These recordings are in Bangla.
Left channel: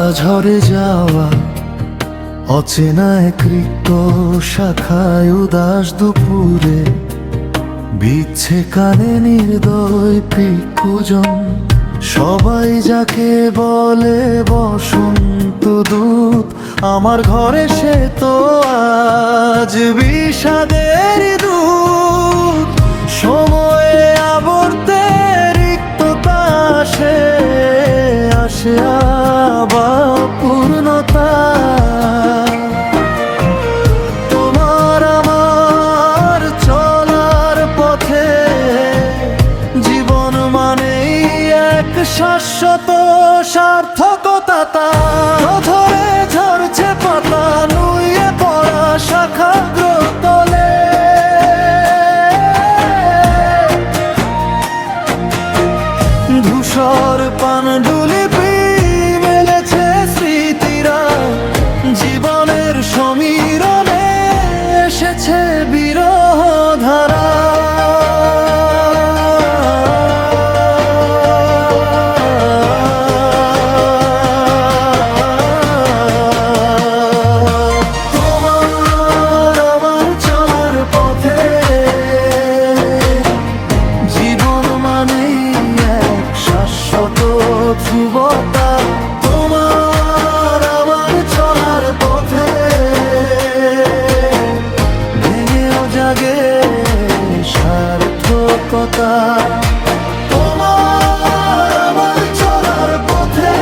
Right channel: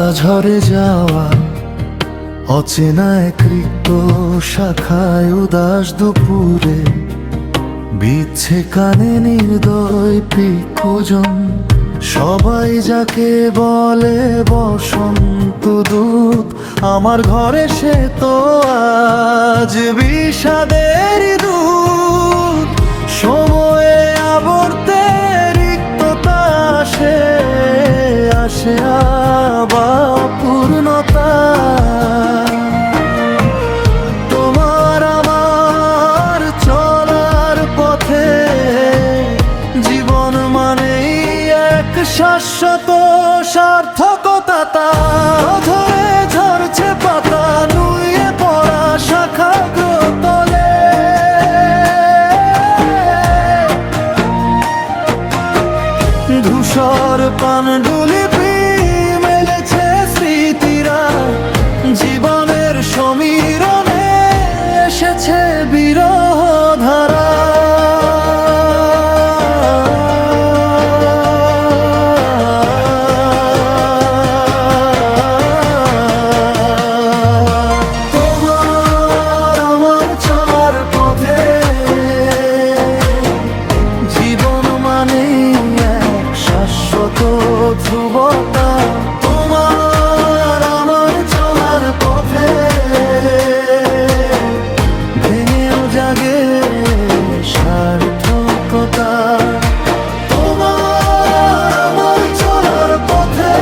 পাতা ঝরে যাওয়া অচেনা এক রিক্ত শাখায় উদাস দুপুরে বিচ্ছে কানে নির্দয় পিকুজন। সবাই যাকে বলে বসন্ত দূত, আমার ঘরে সে তো আজ বিষাদের দূত। সময়ে আবর্তে রিক্ততা আসে, আসে আবার পূর্ণতা। তোমার আমার চলার পথে জীবন মানেই এক শাশ্বত সার্থকতা। তার ধরে ঝরছে পাতা, নুয়ে পড়া শাখাগ্র তলে। ধূসর পাণ্ডুলিপি মেলেছে স্মৃতিরা, জীবনের সমীরণে এসেছে বিরহ ধারা। তোমার আমার চলার পথে জীবন মানেই এক শাশ্বত ধ্রুবতা। তোমার আমার চলার পথে ভেঙেও জাগে সার্থকতা। তোমার আমার চলার পথে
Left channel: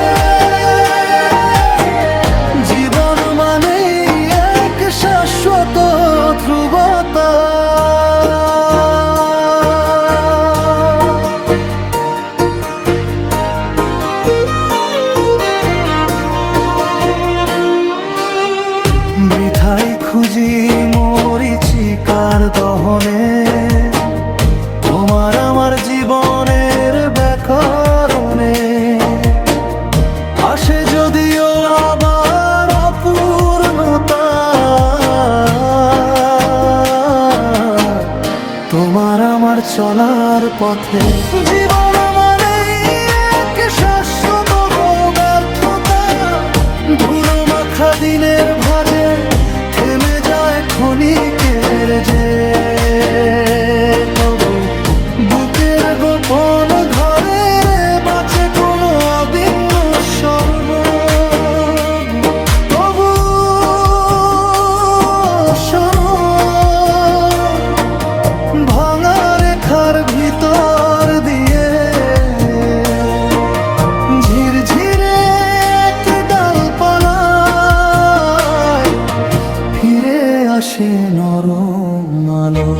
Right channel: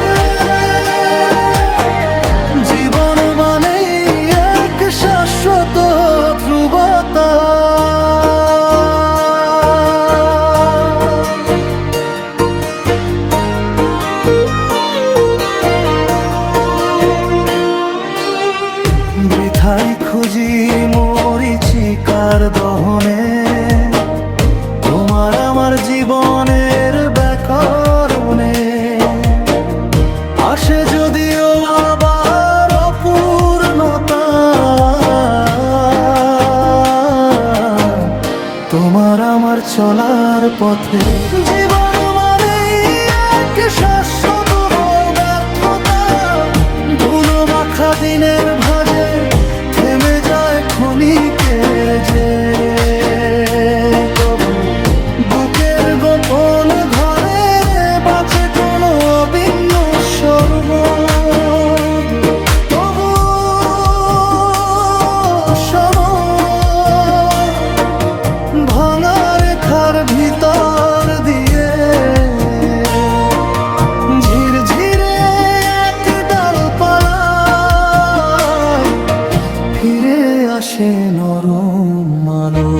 জীবন মানেই এক শাশ্বত ধ্রুবতা। বৃথাই খুঁজি মরিচিকার দহনে তোমার আমার জীবনের ব্যাকরণে। আসে যদিও আবার অপূর্ণতা, তোমার আমার চলার পথে জীবন মানে এক শাশ্বত ব্যর্থতা। ধুলো মাখা দিনের ভাজে থেমে যায় ক্ষণিকের যে, তবু বুকের গোপন ঘরে বাঁচে কোনো অভিন্ন সর্ব। তবু শোনো, ভাঙা রেখার ভিতর দিয়ে ঝিরঝিরে এক ডালপালায় ফিরে আসে নরম আলো।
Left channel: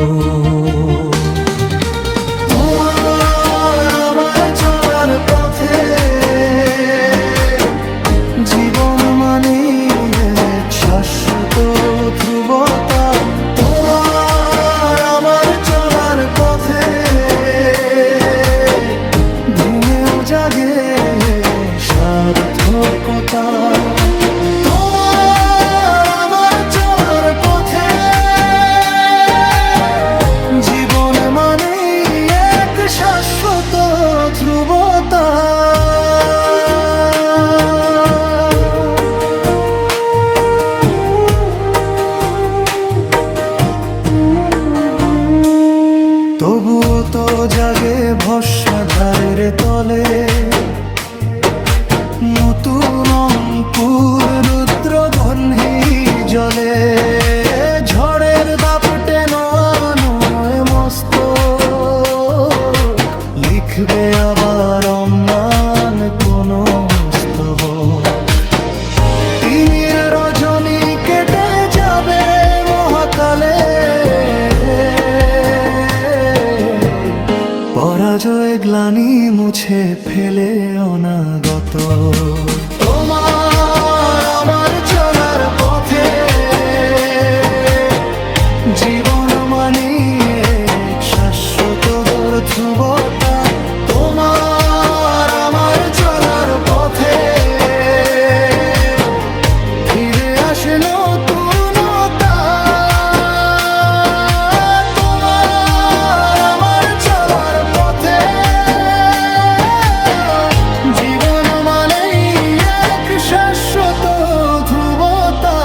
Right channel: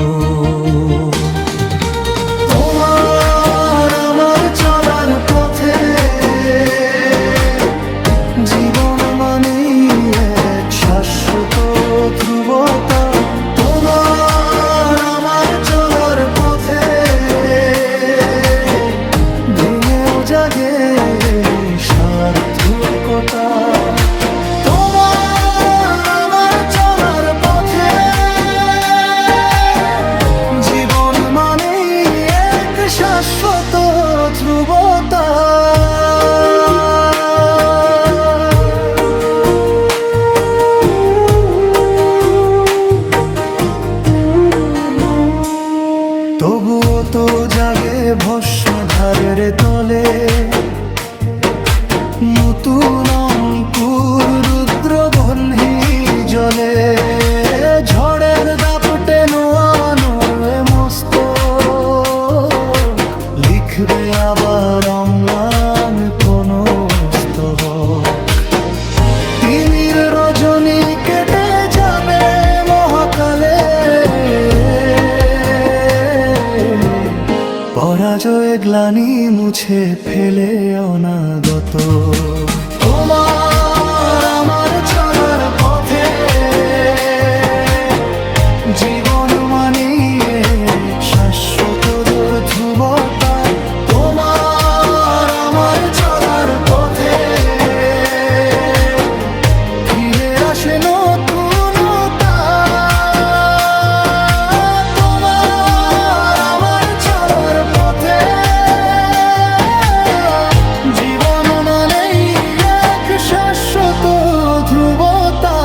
তোমার আমার চলার পথে জীবন মানেই এক শাশ্বত ধ্রুবতা। তোমার আমার চলার পথে ভেঙেও জাগে সার্থকতা। তোমার আমার চলার পথে জীবন মানেই এক শাশ্বত ধ্রুবতা। তবুও তো জাগে ভস্মধারের তলে নতুন অঙ্কুর রুদ্র বহ্নি জলে। ঝড়ের দাপটে নোয়ানো এ মস্ত লিখবে আবার অম্লান কোন স্তবক। তিমির রজনী কেটে যাবে মহাকালে, পরাজয় গ্লানি মুছে ফেলে অনাগত। তোমার আমার চলার পথে জীবন মানেই এক শাশ্বত ধ্রুবতা। তোমার আমার চলার পথে ফিরে আসে নতুনতা। তোমার আমার চলার পথে জীবন মানেই এক শাশ্বত শাশ্বত ধ্রুবতা।